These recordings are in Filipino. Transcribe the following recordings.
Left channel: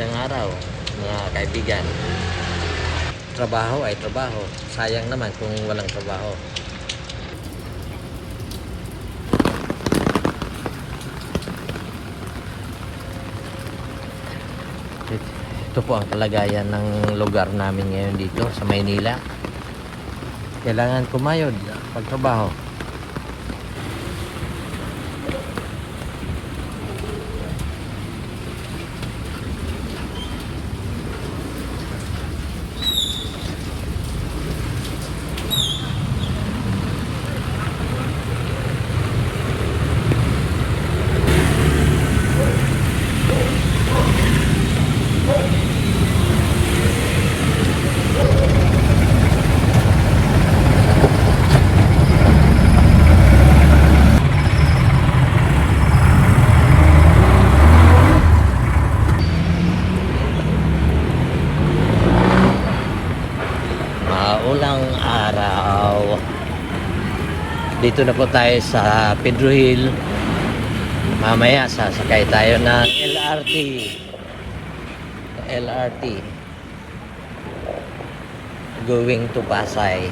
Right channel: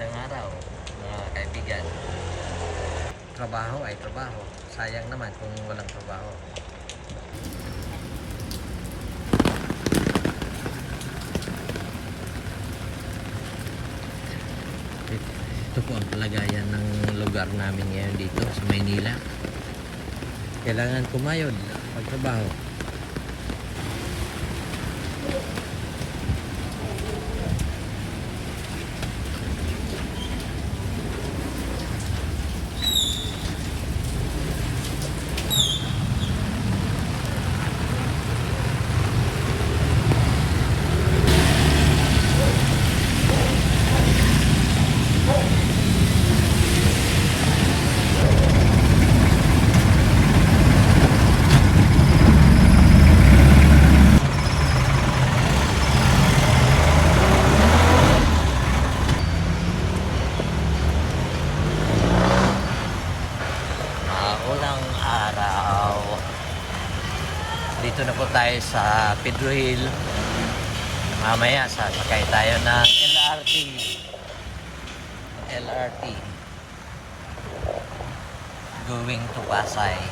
Magandang araw, mga kaibigan. Trabaho ay trabaho. Sayang naman kung walang trabaho. Ito po ang kalagayan ng lugar namin ngayon dito sa Maynila. Kailangan kumayod pagtrabaho. Maulang araw. Dito na po tayo sa Pedro Hill. Mamaya sasakay tayo ng LRT. LRT. Going to Pasay.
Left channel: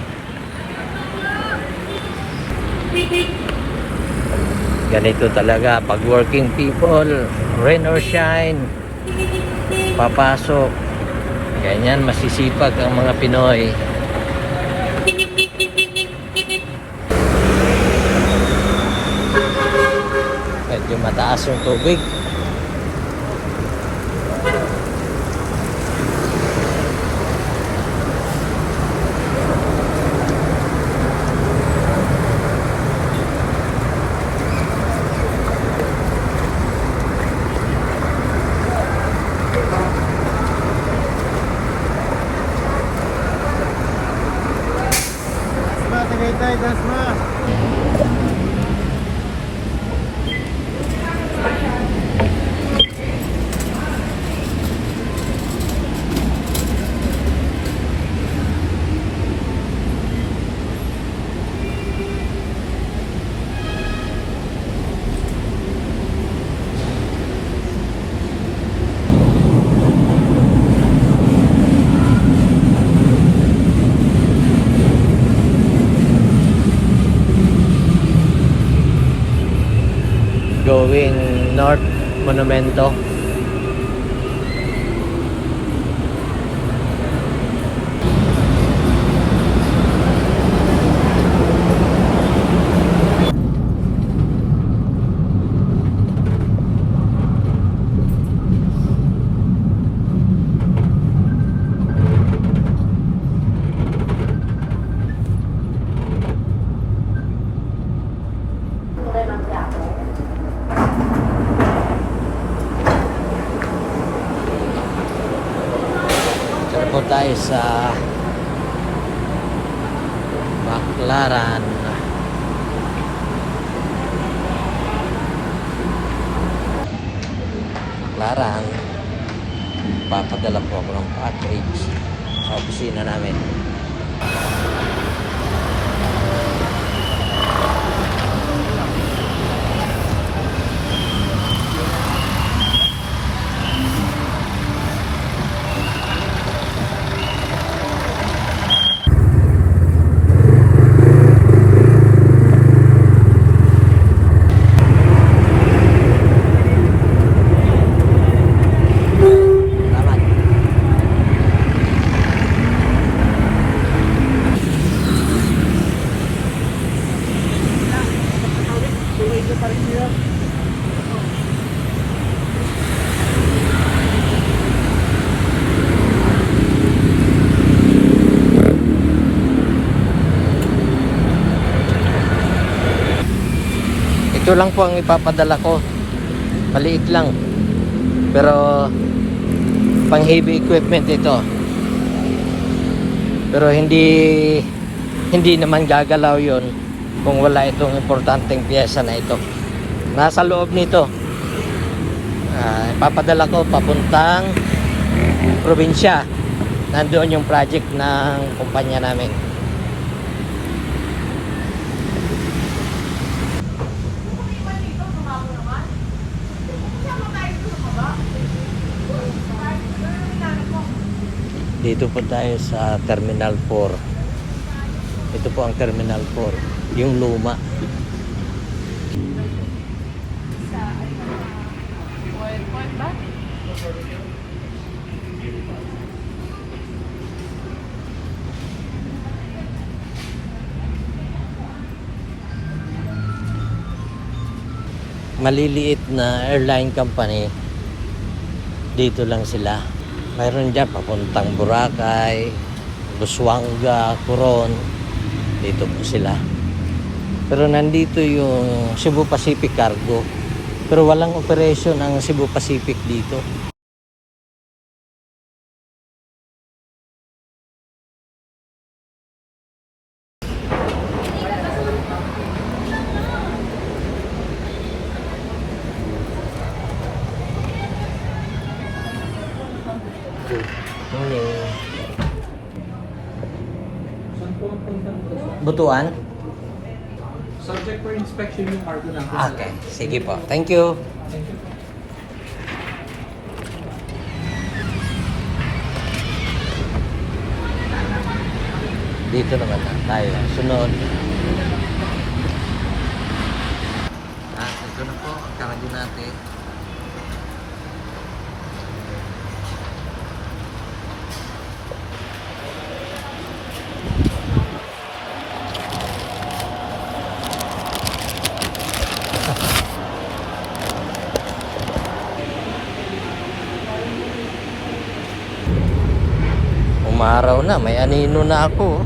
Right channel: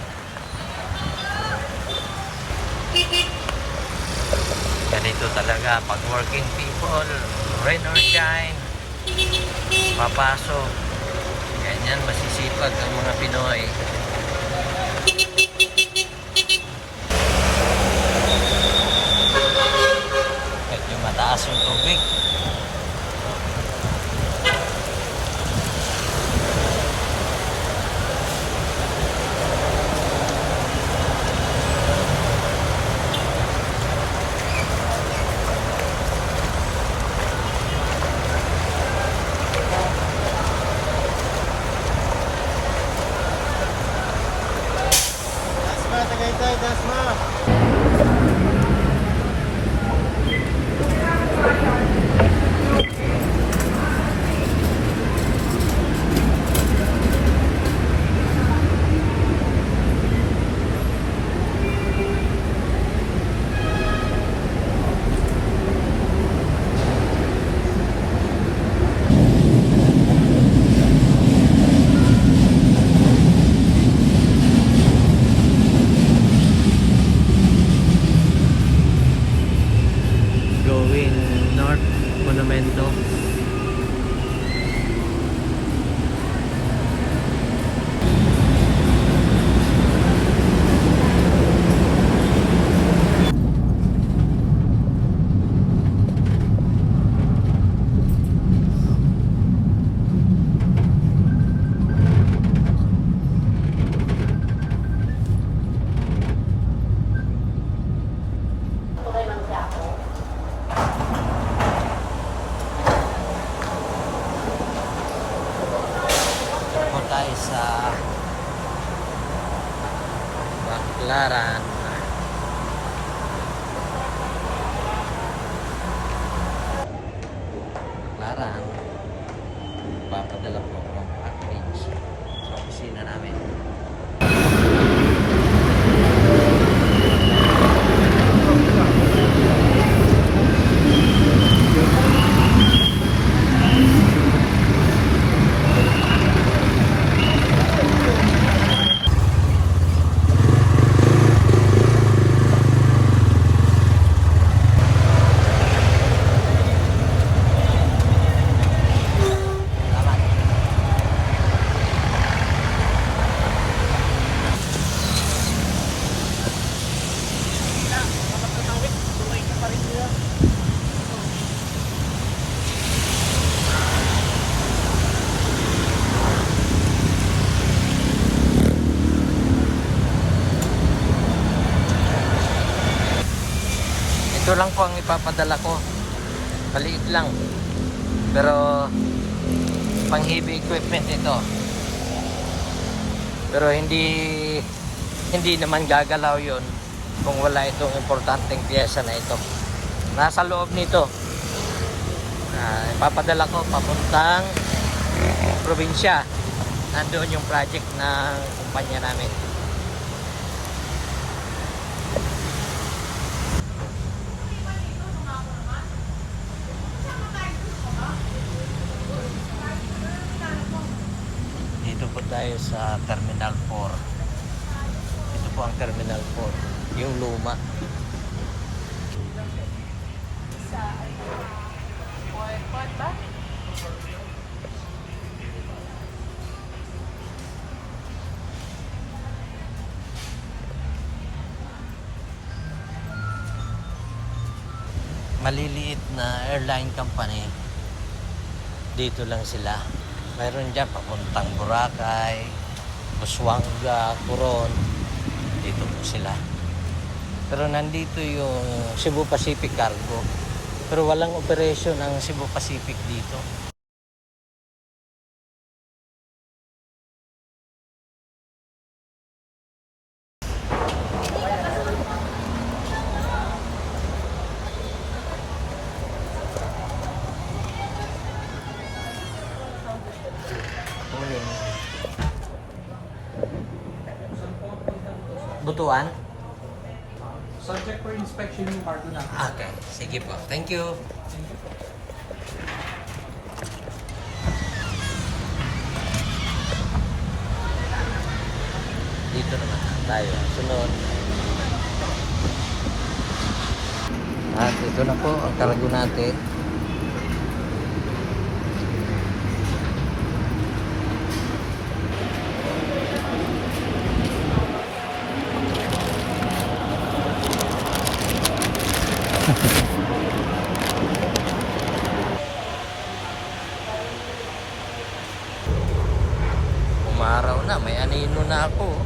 Ganito talaga pag working people, rain or shine, papasok, Ganyan, masisipag ang mga Pinoy. Medyo mataas yung tubig. Dasma, Tagaytay, Monumento. Tara po tayo sa Baclaran. Baclaran. Papadala po ako ng package sa opisina namin. Salamat. Ito lang po ang ipapadala ko. Maliit lang. Pero pang heavy equipment ito. Pero hindi hindi naman gagalaw 'yon kung wala itong importanteng piyesa na ito. Nasa loob nito. Ah, ipapadala ko papuntang probinsya. Nandoon yung project ng kumpanya namin. Dito po tayo sa Terminal 4. Ito po ang Terminal 4. Yung luma. Maliliit na airline company. Dito lang sila. Mayroon dyan papuntang Boracay, Busuanga, Coron. Dito po sila. Pero nandito yung Cebu Pacific Cargo. Pero walang operation ang Cebu Pacific dito. Butuan? Subject for inspection yung cargo natin. Okay, sige po. Thank you. Dito naman na tayo. Sunod. At ito na po ang kargo natin. Na, may anino na ako.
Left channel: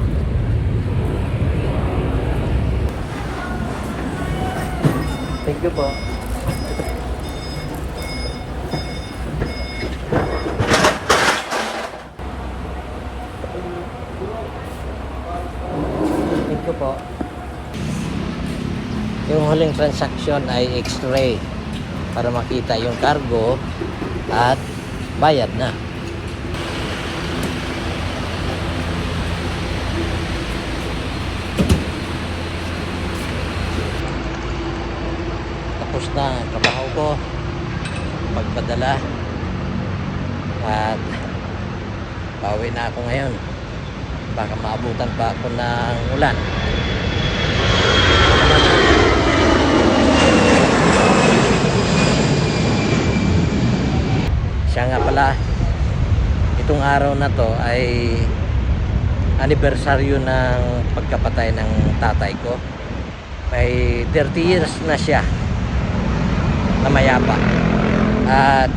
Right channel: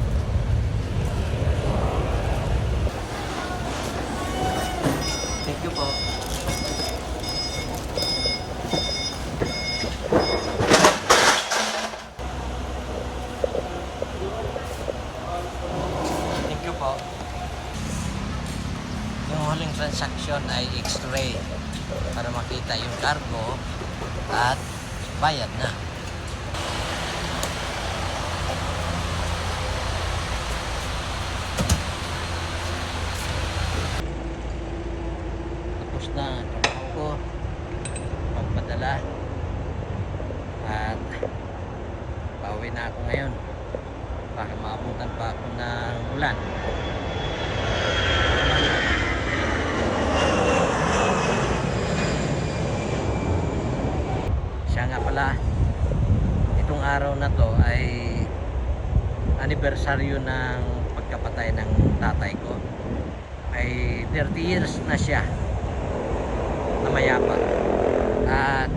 Thank you po. Thank you po. Yung huling transaction ay x-ray para makita yung cargo at bayad na. tapos na ang trabaho ko magpadala at pauwi na ako ngayon baka ako ng ulan. Siya nga pala itong araw na to ay anibersaryo ng pagkapatay ng tatay ko. May 30 years na siya na mayapa. At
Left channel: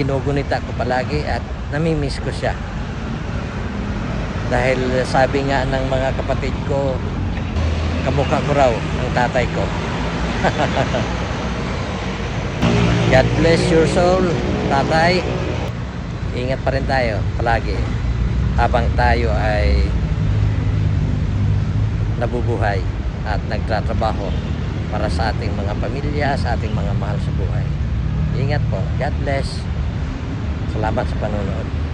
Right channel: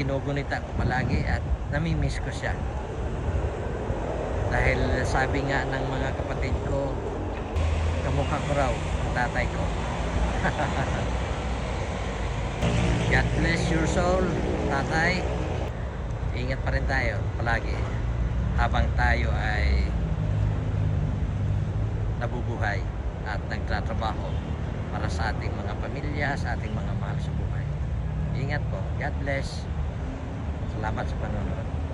ginugunita ko palagi at namimiss ko siya dahil sabi nga ng mga kapatid ko kamukha ko raw ang tatay ko God bless your soul tatay ingat pa rin tayo palagi habang tayo ay nabubuhay at nagtatrabaho para sa ating mga pamilya, sa ating mga mahal sa buhay. Ingat po. God bless. Salamat sa panonood.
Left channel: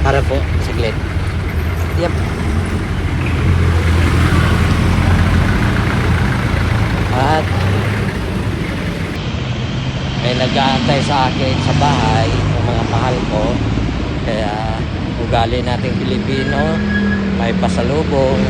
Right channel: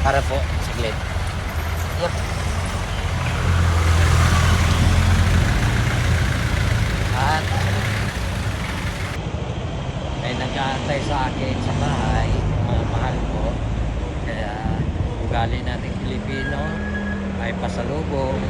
Para po, sige. Yep. At may nag-aantay sa akin sa bahay, yung mga mahal ko. Kaya ugali nating Pilipino, may pasalubong,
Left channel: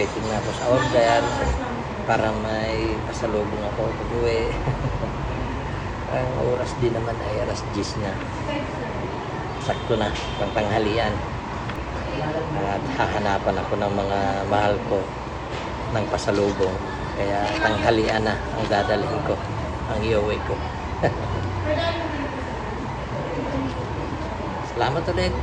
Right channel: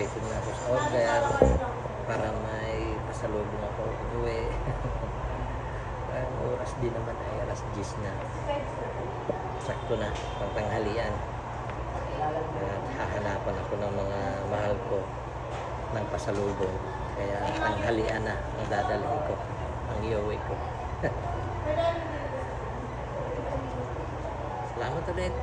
waiting na ako sa order para may pasalubong ako pag-uwi. ang oras din naman ay alas 10 na. Sakto na, pang tanghalian. At hahanapan ako ng mga mahal ko ng pasalubong. Kaya tanghalian na ang dadalhin ko, ang iuwi ko. Salamat ulit.